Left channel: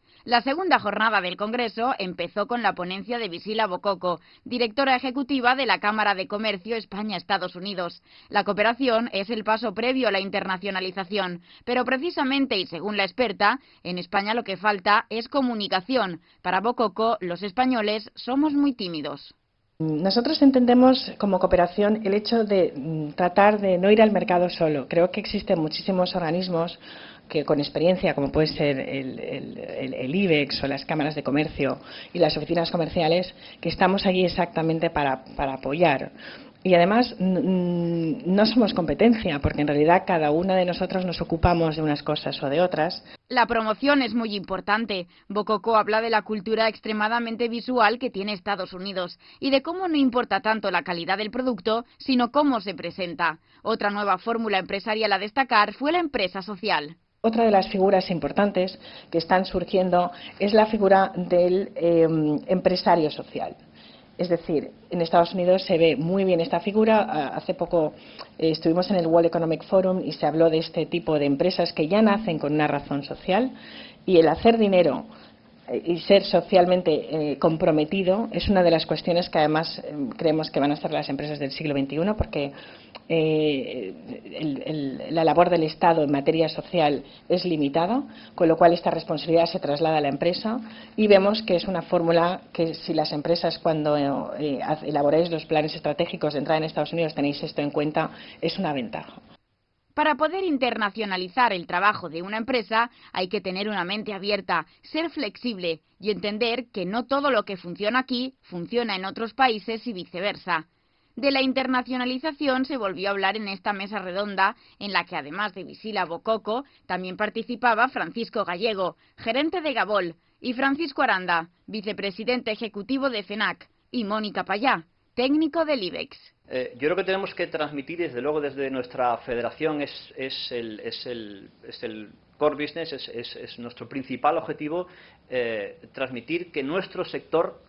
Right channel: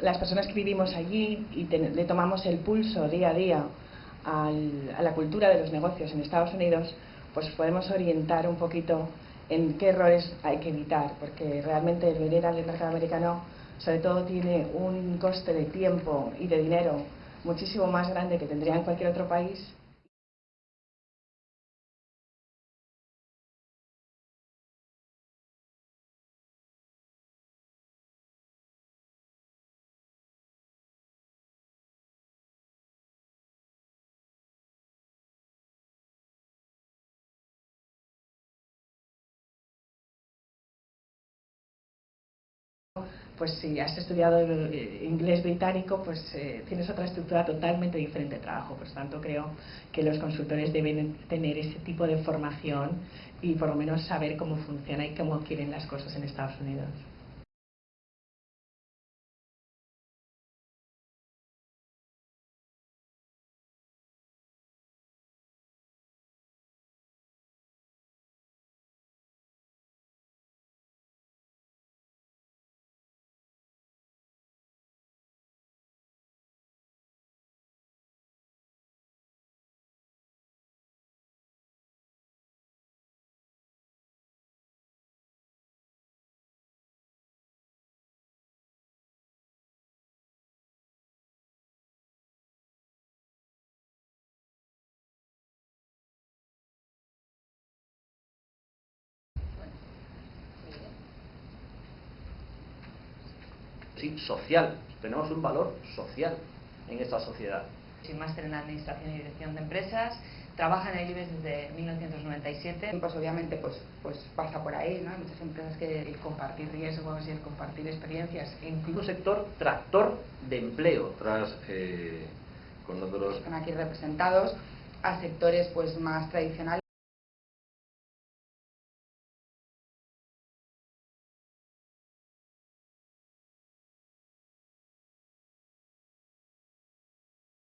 La segunda jornada del Congreso empezó con la ponencia de Visila Bococo, directora ejecutiva de la Cámara de Comercio España-Estados Unidos. La cooperación es el paso previo a la internacionalización, pero precisamente, y según la experta, en España lo que falta es comunicación. Para Bococo, los españoles somos muy tímidos. Nosotros entendemos como cooperación el hecho de tratar de no ir al mercado solo. Creo que existen muchísimos organismos que con experiencia, como puede ser el IBEX o las cámaras de comercio y las oficinas comerciales, que estamos allí exactamente para apoyar. Y además no somos competencia, porque en realidad cada una de nosotros nos ocupamos de unas cosas o de otras. La promoción es muy importante. Bococo habla de la cultura extremadamente visual que tiene Estados Unidos y de cómo no importa tanto la calidad del producto, sino cómo se presenta. Otra nueva fórmula empresarial a destacar fue la empresa social. Otra de las figuras importantes que están surgiendo es la figura del empresario social. Es decir, en Estados Unidos se ve muy bien esta figura. Hace poco estuvimos en el World Economic Forum y se habló de este tipo de empresas que ya nacen con una razón social, y el hacer dinero y ser socialmente comprometido es una de las cuestiones que además creemos que van a ser las empresas del siglo XXI, porque la labor del Estado en materia social es limitada, con lo cual esta responsabilidad se traslada a la empresa, y vemos que es una fórmula que, si las empresas, cuando elaboráis los planes estratégicos de entrada en Estados Unidos, tenéis esto en cuenta, es una ventaja. Para poder internacionalizar el trabajo de una empresa hay que tener una mente abierta, ser flexible y entender que no todo lo que funciona aquí funciona en otros países y viceversa. De la internacionalización se volvió a hablar en esta mesa redonda, en la que además de Visila Bococo también participaba Francisco Gallego, gerente de Gabol, y Francisco Aranda, vicepresidente ejecutivo de FENAC, y Mónica Payá, técnico del IBEX. Yo creo que tenemos que transmitir, desde luego desde nuestra federación, es el core business, es nuestro principal objetivo, transmitir que nuestro sector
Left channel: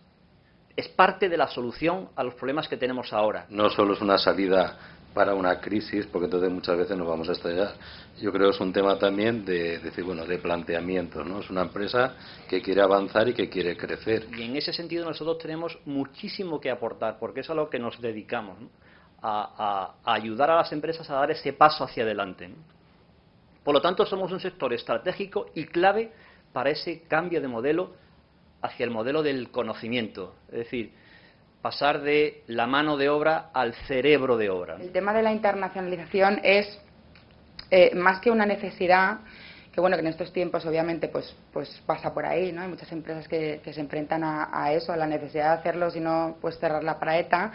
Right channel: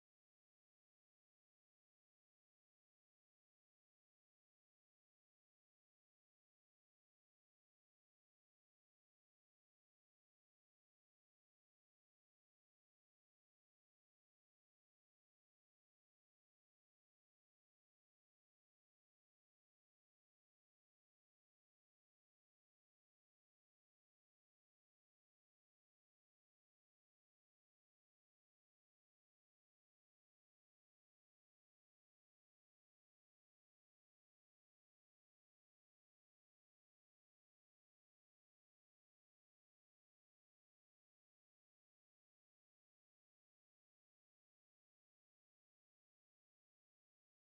es parte de la solución a los problemas que tenemos ahora. No solo es una salida para una crisis, porque entonces muchas veces nos vamos a estrellar. Yo creo que es un tema también de decir, bueno, de planteamiento, ¿no? Es una empresa que quiere avanzar y que quiere crecer. Y en ese sentido nosotros tenemos muchísimo que aportar, porque es a lo que nos dedicamos, ¿no? A ayudar a las empresas a dar ese paso hacia adelante, ¿no? Por lo tanto, somos un sector estratégico y clave para ese cambio de modelo hacia el modelo del conocimiento, es decir, pasar de la mano de obra al cerebro de obra. El tema de la internacionalización es más que una necesidad, que bueno, que en estos tiempos obviamente pues pasa por ahí, ¿no? Hay muchas empresas que se enfrentan a eso, a la necesidad de hacerlo, si no pues cerrar la paraeta,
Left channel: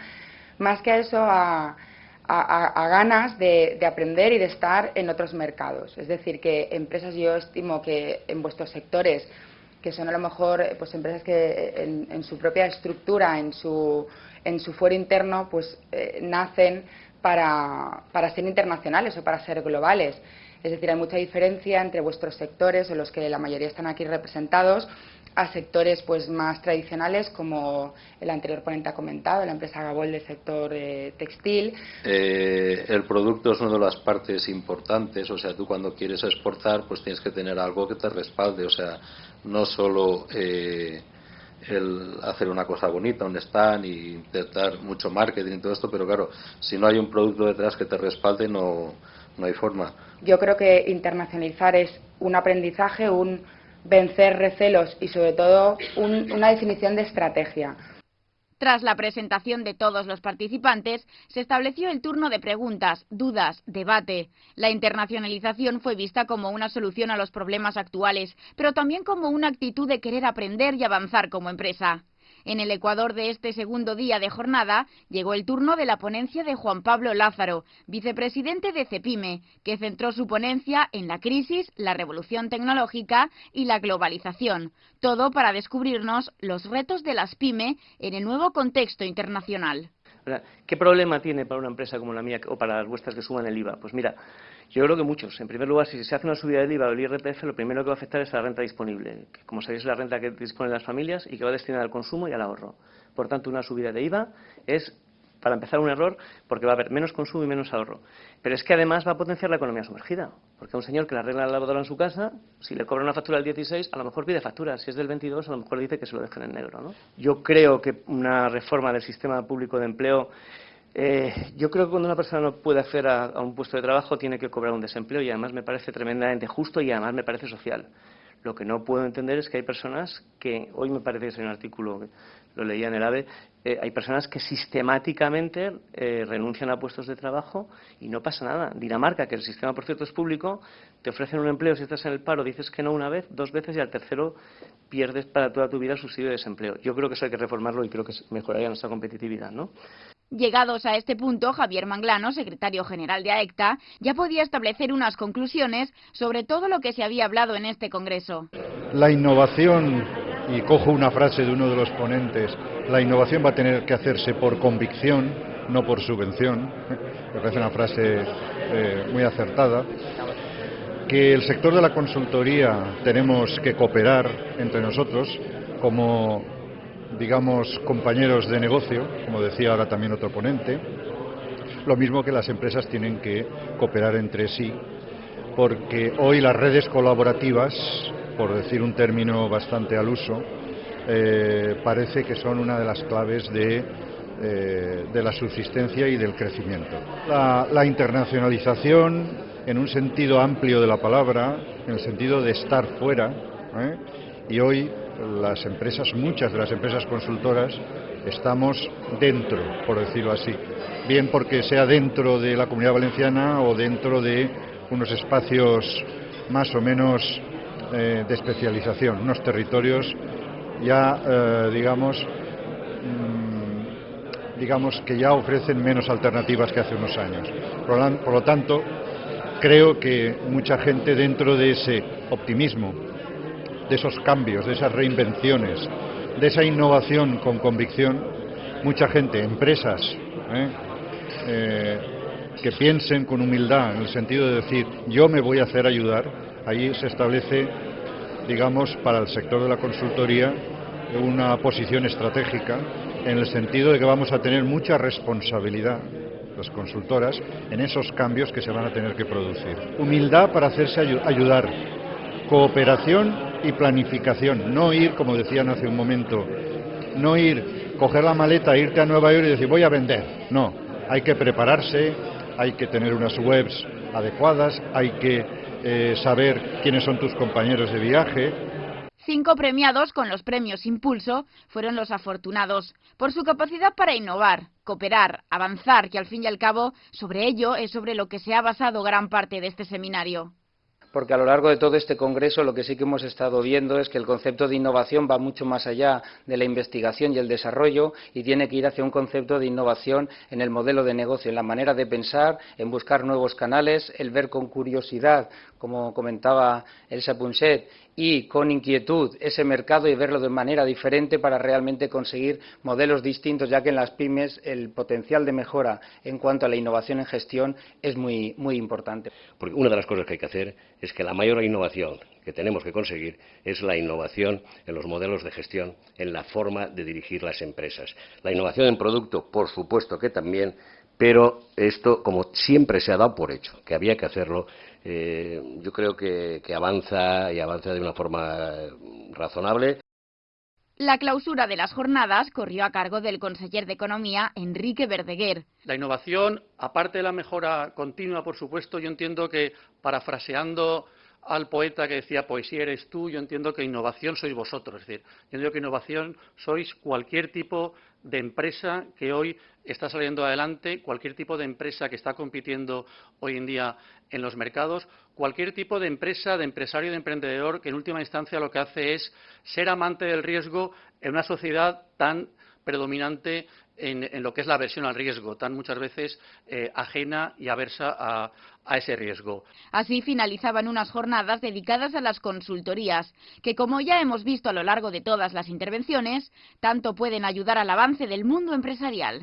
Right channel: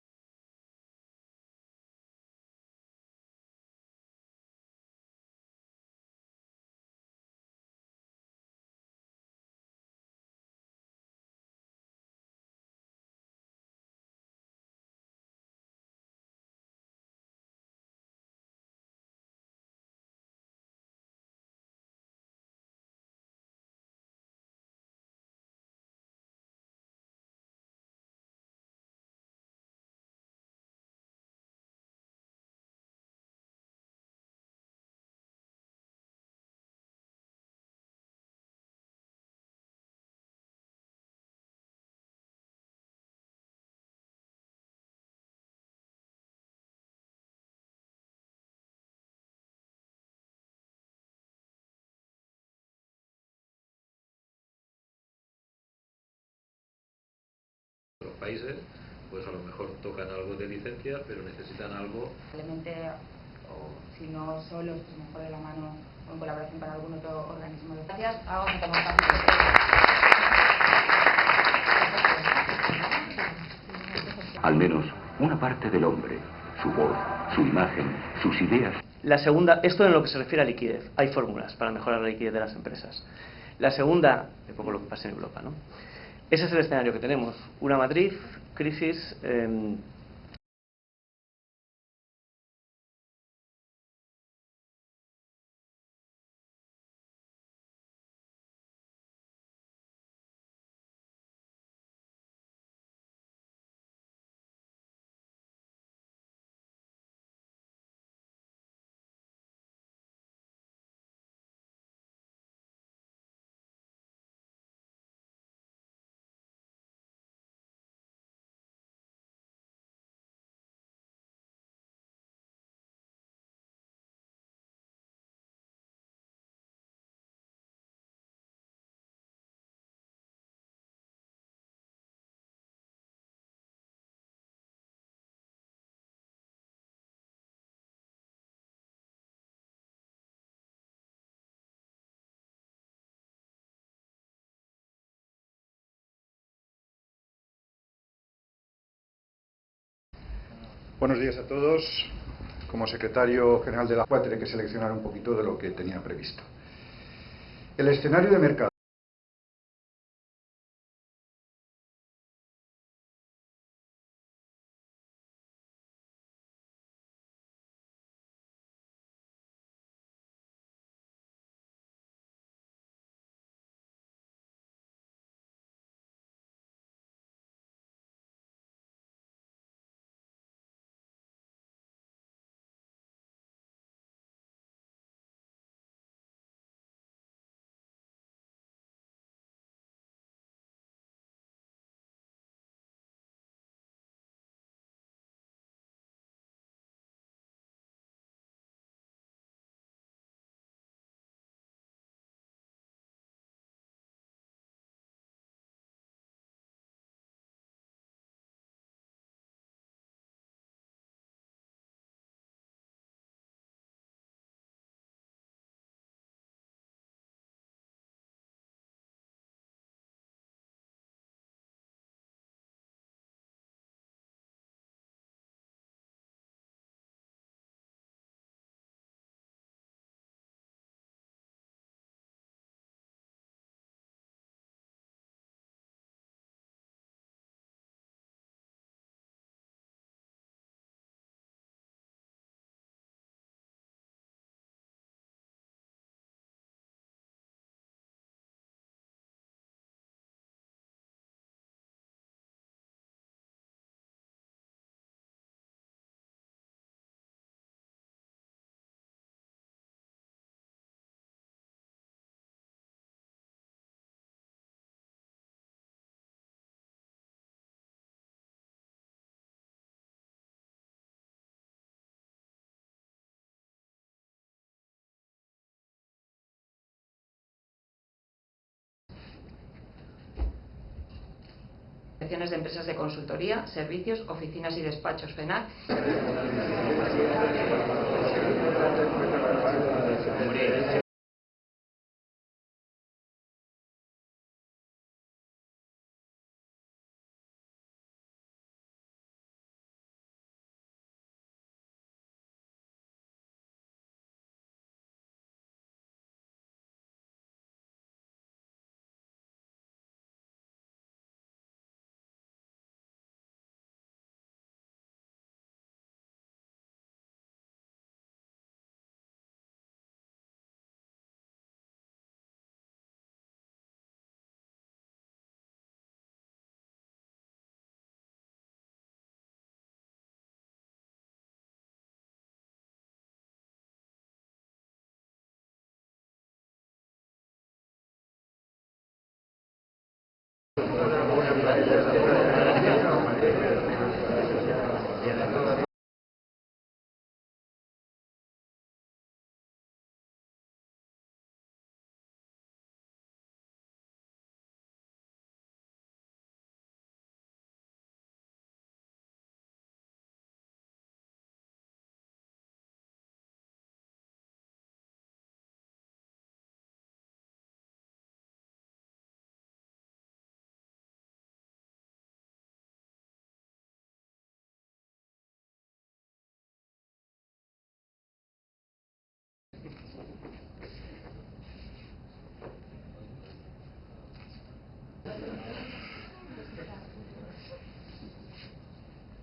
más que a eso, a ganas de aprender y de estar en otros mercados. Es decir, que empresas, yo estimo que en vuestros sectores, que son a lo mejor pues empresas que en su propia estructura, en su fuero interno, pues nacen para ser internacionales o para ser globales. Es decir, hay mucha diferencia entre vuestros sectores, en los que la mayoría están aquí representados, a sectores pues más tradicionales, como el anterior ponente ha comentado, la empresa Gabol del sector textil. El producto es una de las partes importantes, o sea, tú cuando quieres exportar pues tienes que tener algo que te respalde, o sea, no solo el hacer una cosa bonita, un stand y intentar mucho marketing y todo esto, pero claro, si no hay un producto detrás que te respalde no hay forma. Yo creo que internacionalizar es un aprendizaje, un vencer recelos y sobre todo una definición de estrategia. Tras la presentación de todos los participantes, se estableció el turno de preguntas, dudas, debate. La internacionalización fue vista como una solución a los problemas actuales, pero también como una actitud de querer aprender y avanzar como empresa. En el Ecuador de este segundo día de jornada, llegó el turno de la ponencia de Juan Pablo Lázaro, vicepresidente de CEPIME, que centró su ponencia en la crisis, la revolución tecnológica y la globalización. Todo para descubrirnos los retos de las pymes en el nuevo contexto internacional. ¿Qué problema tiene para una empresa como la mía o para las vuestras que suban el IVA? Pues mira, yo creo que muchos. En primer lugar, si se hace una subida del IVA o del IRPF, lo primero que va a afectar es la renta disponible, que como sabéis es la renta que disponen las familias y que va destinada al consumo y al ahorro. Por tanto, una subida de IVA es, para empezar, un error, porque va a haber menos consumo y menos ahorro. Pero es que además va a potenciar la economía sumergida, porque a un señor que le arregla la lavadora en su casa, si le cobra una factura del 16, a lo mejor pide factura. Si es del 22, a lo mejor dice que se lo dejen en negro, ¿no? Yo creo que una reforma del sistema público de empleo, yo creo que cuando una persona no puede acceder a un puesto de trabajo tiene que cobrar un desempleo, y además me parece tremendamente justo y además me parece social. Lo que no puedo entender es que hay personas que, hoy me parece que es un artículo, lo leía en el AVE, hay personas que sistemáticamente renuncian a puestos de trabajo y no pasa nada. Dinamarca, que el sistema por cierto es público, te ofrecen un empleo, si estás en el paro dices que no una vez, 2 veces y al tercero pierdes para toda tu vida el subsidio de desempleo. Yo creo que eso hay que reformarlo y creo que mejoraría nuestra competitividad, ¿no? Llegados a este punto, Javier Manglano, secretario general de AECTA, ya podía establecer unas conclusiones sobre todo lo que se había hablado en este congreso. La innovación, y cojo una frase de uno de los ponentes, la innovación va a tener que hacerse por convicción, no por subvención. Me parece una frase muy acertada. Que el sector de la consultoría tenemos que cooperar entre nosotros como, digamos, compañeros de negocio, como decía ahora también otro ponente, lo mismo que las empresas tienen que cooperar entre sí, porque hoy las redes colaborativas, por decir un término bastante al uso, parece que son una de las claves de la subsistencia y del crecimiento. La internacionalización, en un sentido amplio de la palabra, en el sentido de estar fuera, y hoy las empresas, muchas de las empresas consultoras, estamos dentro, por decirlo así, bien porque sea dentro de la Comunidad Valenciana o dentro de unos espacios más o menos de especialización, unos territorios ya, digamos que ya ofrecen menos alternativas que hace unos años. Por lo tanto, creo que mucha gente, dentro de ese optimismo, de esos cambios, de esas reinvenciones, de esa innovación con convicción, mucha gente, empresas, que piensen con humildad, en el sentido de decir, yo me voy a hacer ayudar, ahí se establece, digamos, para el sector de la consultoría, una posición estratégica, en el sentido de que vamos a tener mucha responsabilidad, las consultoras, en esos cambios que se van a tener que producir. Humildad para hacerse ayudar, cooperación y planificación, no ir, como decían hace un momento, no ir, coger la maleta, irte a Nueva York y decir voy a vender, no, hay que prepararse, hay que tener unas webs adecuadas, hay que saber quiénes son tus compañeros de viaje. 5 premiados con los premios Impulso fueron los afortunados por su capacidad para innovar, cooperar, avanzar, y al fin y al cabo sobre ello es sobre lo que se ha basado gran parte de este seminario. Porque a lo largo de todo este congreso lo que sí que hemos estado viendo es que el concepto de innovación va mucho más allá de la investigación y el desarrollo y tiene que ir hacia un concepto de innovación en el modelo de negocio, en la manera de pensar, en buscar nuevos canales, el ver con curiosidad, como comentaba Elsa Punset, y con inquietud ese mercado y verlo de manera diferente para realmente conseguir modelos distintos, ya que en las pymes el potencial de mejora en cuanto a la innovación en gestión es muy importante. Porque una de las cosas que hay que hacer es que la mayor innovación que tenemos que conseguir es la innovación en los modelos de gestión, en la forma de dirigir las empresas. La innovación en producto, por supuesto que también, pero esto, como siempre se ha dado por hecho, que había que hacerlo, yo creo que avanza y avanza de una forma razonable. La clausura de las jornadas corrió a cargo del conseller de Economía, Enrique Verdeguer. La innovación, aparte de la mejora continua, por supuesto, yo entiendo que, parafraseando al poeta que decía poesía eres tú, yo entiendo que innovación sois vosotros. Es decir, yo entiendo que innovación sois cualquier tipo de empresa que hoy está saliendo adelante, cualquier tipo de empresa que está compitiendo hoy en día en los mercados, cualquier tipo de empresa, de empresario, de emprendedor que en última instancia lo que hace es ser amante del riesgo en una sociedad tan predominante en lo que es la aversión al riesgo, tan muchas veces ajena y aversa a ese riesgo. Así finalizaban unas jornadas dedicadas a las consultorías, que como ya hemos visto a lo largo de todas las intervenciones, tanto pueden ayudar al avance del mundo empresarial.